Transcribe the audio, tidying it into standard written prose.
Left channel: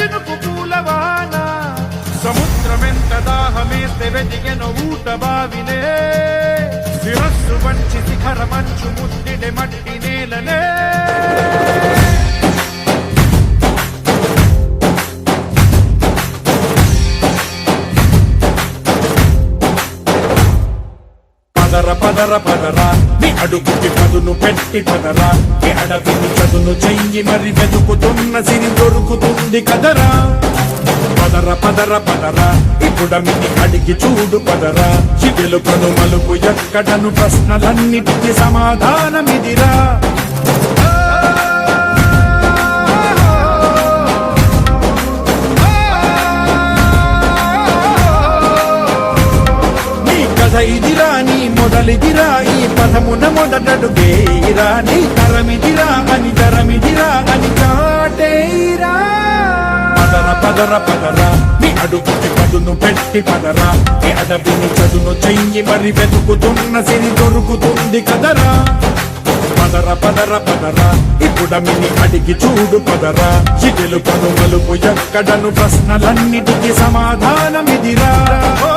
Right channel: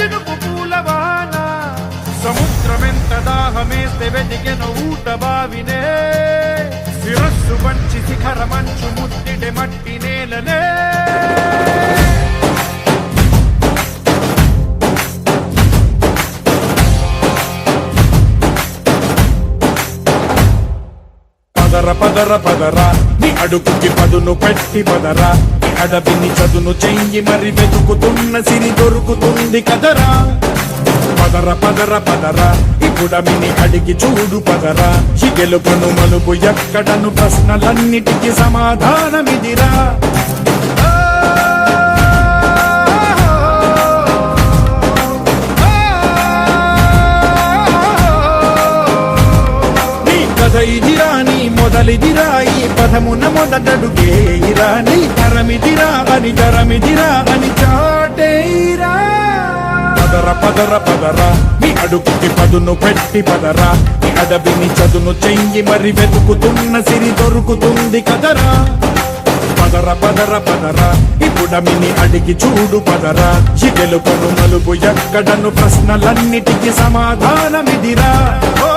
చినుకు పూలవాన సముద్రమెంత దాహమేస్తే వెతికెను ఊట బావినే శిరస్సు వంచి శిఖర మంచు ముద్దిడె మట్టి నేలనే పదర పదర పదరా నీ అడుగుకి పదును పెట్టి పదరా నీ అడవిని చదును చెయ్యి మరి వెతుకుతున్న సిరి దొరుకుతుంది కదరా పదర పదర పదరా ఇప్పుడమిని అడిగి చూడు పదరా ఈ గెలుపను మలుపు ఎక్కడను ప్రశ్నలన్నిటికీ సమాధానమిదిరా ఇదిరా నీ మొదలిదిరా ఈ పదమున మొదటడుగేయిరా నీ తరమిదిరా అని చాటేయిరా పదర పదర పదరా నీ అడుగుకి పదును పెట్టి పదరా నీ అడవిని చదును చెయ్యి మరి వెతుకుతున్న సిరి దొరుకుతుంది కదరా పదర పదర పదరా ఇప్పుడమిని అడిగి చూడు పదరా ఈ గెలుపను మలుపు ఎక్కడను ప్రశ్నలన్నిటికీ సమాధానమిదిరా ఓ